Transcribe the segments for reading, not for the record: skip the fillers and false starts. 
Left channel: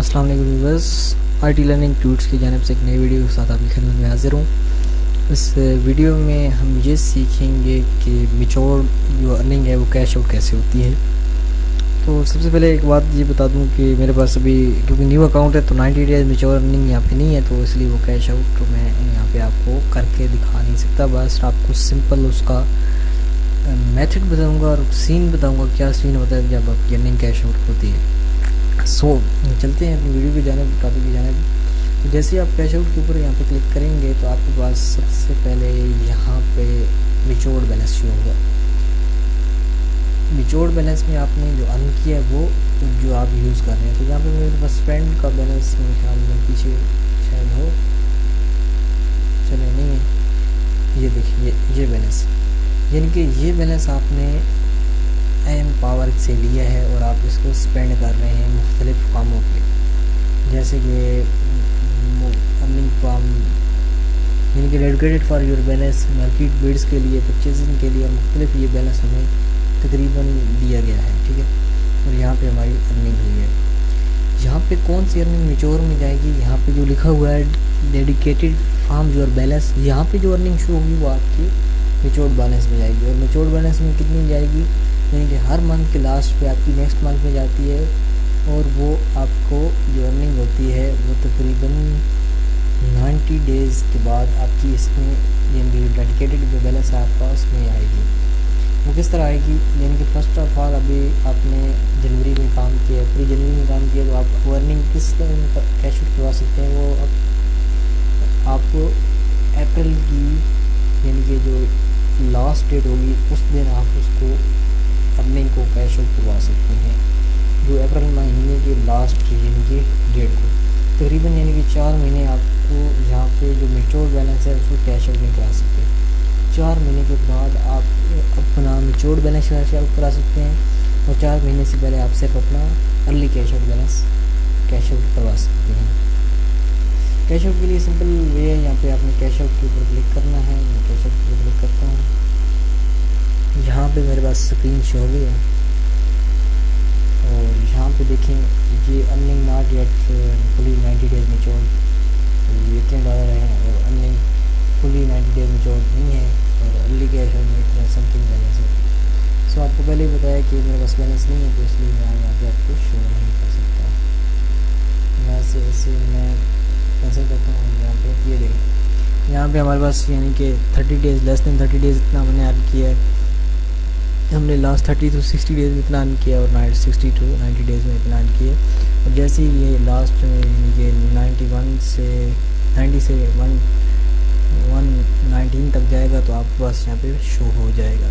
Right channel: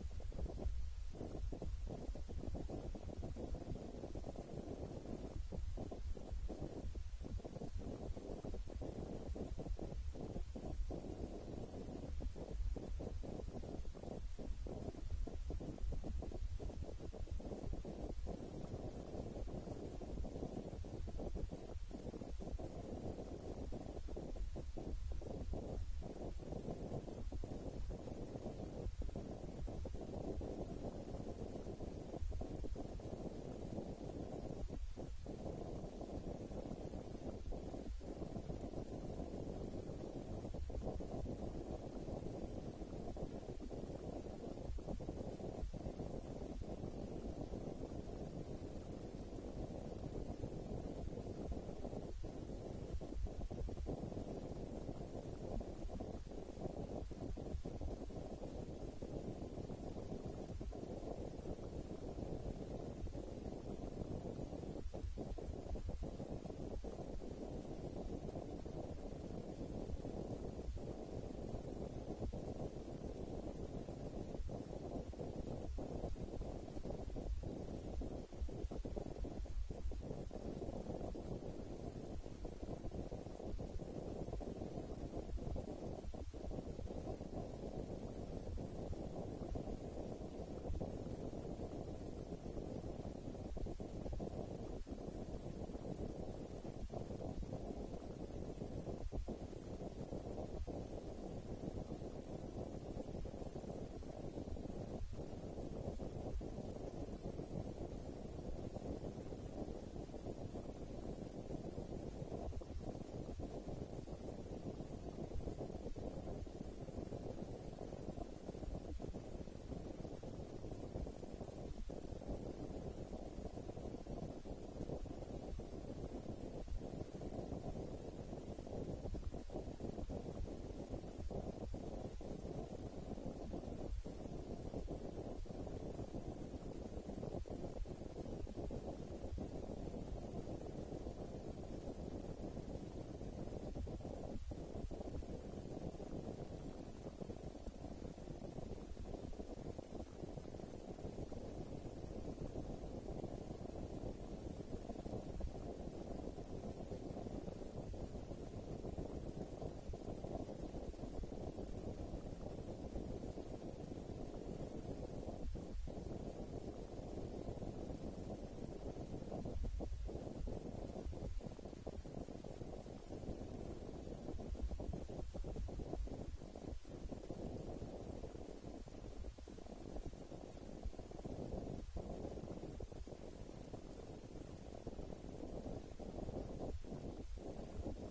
السلام علیکم viewers, I T learning institutes کی جانب سے ایک نئی ویڈیو کے ساتھ آپ کی خدمت میں حاضر ہوں۔ اس ویڈیو میں ہم یہ سیکھیں گے کہ میچور جو ارننگ ہے وہ کیش آؤٹ کیسے ہوتی ہے۔ تو سب سے پہلے ایک بات یہ بتا دوں کہ میرے پاس ابھی کیونکہ نیو اکاؤنٹ ہے تو 90 ڈیز میچور ارننگ یہاں پہ نہیں ہے، تو اس لیے وہ کیش آؤٹ تو میں یہاں پہ آپ کو کر کے دکھا نہیں سکتا۔ بس آپ کو سمپل اس کا میتھڈ بتاؤں گا اور سین بتاؤں گا کیا سین ہوتا ہے جب آپ کی ارننگ کیش آؤٹ ہوتی ہے۔ چلتے ہیں اپنی ویڈیو کی جانب، ٹاپک کی جانب۔ جیسے آپ کیش آؤٹ کے اوپر یہاں پہ کلک کریں گے تو آپ کے پاس سب سے پہلے یہاں پہ میچورڈ بیلنس شو ہوگا۔ میچورڈ بیلنس میں آپ نے جو ارن کیا ہے وہ جو آپ یوز کر رہے ہیں، تو یہاں پہ میرے پاس اسپینڈ کا بیلنس میرے خیال میں پیچھے شاید ہو، چلے نہیں ہے، یہ دیکھیے یہ بیلنس، یعنی کہ یہ بیلنس آپ نے ایم پاور سے لیا ہے اور آپ اس کو اسپینڈ کر رہے ہیں مختلف کاموں پہ، جیسے کہ ارننگ فارم، یعنی کہ dedicated for your balance, market bids کے لیے، پرچیزنگ کے لیے، مختلف یہ بیلنس ہمیں تقریباً دیا گیا ہے، ٹھیک ہے۔ اور یہاں پہ ہماری ارننگ ہوئی ہے۔ یہاں پہ کون سی ارننگ میچور میں جائے گی؟ یہاں پہ جو لکھا ہوا ہے ڈیڈیکیٹڈ فارم یور بیلنس، یہاں پہ جو ارننگ شو ہوگی وہ آپ کی میچورڈ بیلنس میں جائے گی۔ اور میچورڈ بیلنس میں کتنی جائے گی؟ یعنی کہ ہر منتھ کے لاسٹ پہ آپ کی نیکسٹ منتھ میں جاتی ہے، اور وہ آپ کو جو ارننگ ہوتی ہے وہ تقریباً 90 ڈیز کے بعد آپ کی اس میں، یعنی ڈیڈیکیٹڈ جو بیلنس ہے آپ کا اس میں آئے گی۔ وہ کس طرح آئے گی؟ یعنی کہ فرسٹ آف آل ابھی آپ نے جنوری میں کام کیا، پوری جنوری میں کام کیا، تو آپ وہ ارننگ کس طرح کیش آؤٹ کروا سکتے ہیں؟ وہ آپ کو اپریل کی، یعنی کہ جو لاسٹ ڈیٹ ہوگی اس دن آپ اس کو ارننگ کو کیش آؤٹ کروا سکتے ہیں، جو اپریل مہینے کے لاسٹ یعنی کہ ڈیٹ کو تقریباً، یعنی کہ 4 مہینے آپ کو یہاں پہ جو میچور بیلنس ہے اس کو کیش آؤٹ نہیں کرا سکتے۔ 4 مہینے کے بعد آپ اپنا میچور بیلنس کیش آؤٹ کرا سکتے ہیں، اور 4 مہینے سے پہلے آپ صرف اپنا early cash out balance cash out کروا سکتے ہیں۔ کیش آؤٹ کے لیے سمپل وے ہے، یہاں پہ آپ نے کیش آؤٹ کے اوپر کلک کرنا ہے۔ میں کیش آؤٹ کے اوپر کلک کرتا ہوں، یہاں پہ میرے پاس اسکرین شو ہو گئی ہے، اور یہاں پہ دیکھیں یہ earning not yet fully 90 days mature, یہ اتنے ڈالر ہیں، اور ارننگ فلی 90 ڈیز میچور نہیں ہے، اور ارلی کیش آؤٹ میں اتنا سم تھنگ بیلنس ہے۔ سو آپ کو پہلے ہی بتایا کہ میرے پاس بیلنس نہیں ہے، تو اس لیے میں یہاں پہ آپ کو شو نہیں کر سکتا۔ یہاں سے ایسے میں کینسل کرتا ہوں، یہاں پہ یہ دیکھیں، یہاں پہ ہمارے پاس یعنی کہ 30 ڈیز، لیس دین 30 ڈیز اتنا ہم نے ارن کیا ہے۔ ہم نے لاسٹ 30 to 60 ڈیز میں اتنا ارن کیا، اور 60 to 90 ڈیز میں اتنا ارن کیا۔ اور جیسے ہی یہ لاسٹ میں یعنی کہ 90 سے 119 تک جائے گا تو آپ کے پاس یہاں پہ شو ہو جائے گا،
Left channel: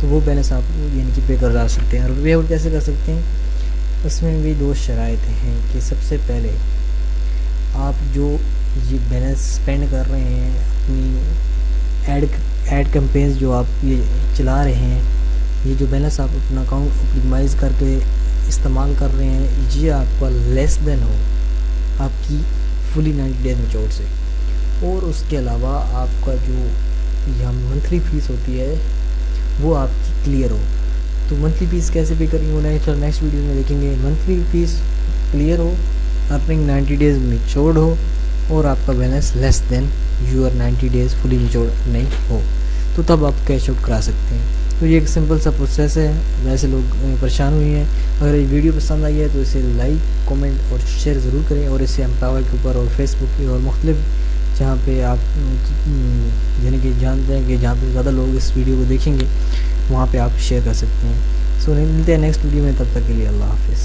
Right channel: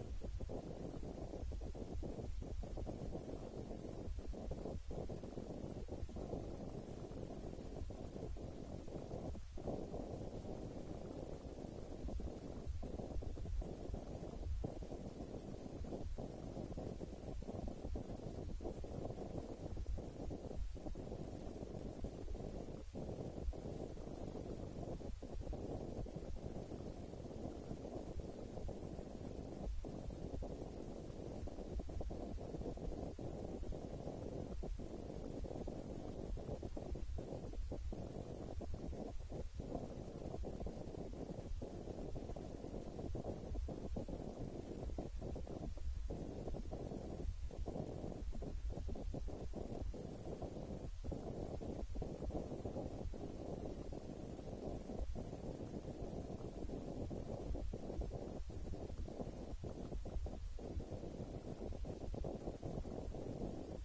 تو وہ بیلنس آپ یعنی کہ پے کر سکتے ہیں۔ اور پے آؤٹ کیسے کر سکتے ہیں؟ اس میں بھی 2 شرائط ہیں کہ سب سے پہلے آپ جو یہ بیلنس اسپینڈ کر رہے ہیں، اپنی ایڈ کمپینز جو آپ یہ چلا رہے ہیں، یہ جو بیلنس آپ اپنا اکاؤنٹ اپٹیمائز کر کے استعمال کر رہے ہیں، یہ آپ کا لیس دین ہو آپ کی فلی 90 ڈیز میچور سے، اور اس کے علاوہ آپ کا جو یہاں منتھلی فیس ہوتی ہے وہ آپ کی کلیئر ہو۔ تو منتھلی فیس کیسے پے کریں گے نیکسٹ ویڈیو میں دیکھیں گے۔ منتھلی فیس کلیئر ہو، ارننگ 90 ڈیز میچورڈ ہو، اور آپ کا balance less than your 90 days fully matured نہیں ہو، تو تب آپ کیش آؤٹ کرا سکتے ہیں۔ تو یہ ایک سمپل سا پروسیس ہے، ویسے لوگ پریشان ہوئی ہیں۔ اگر یہ ویڈیو پسند آئی ہے تو اسے لائک، کمنٹ اور شیئر ضرور کریں، اور اسے امپاور کے اوپر اور فیس بک پہ اور مختلف جہاں پہ آپ یعنی کہ جانتے ہیں کہ جہاں پہ زیادہ لوگ اس ویڈیو کو دیکھیں گے وہاں پہ آپ شیئر کر سکتے ہیں۔ سو ملتے ہیں نیکسٹ ویڈیو میں، تب تک کے لیے اللہ حافظ۔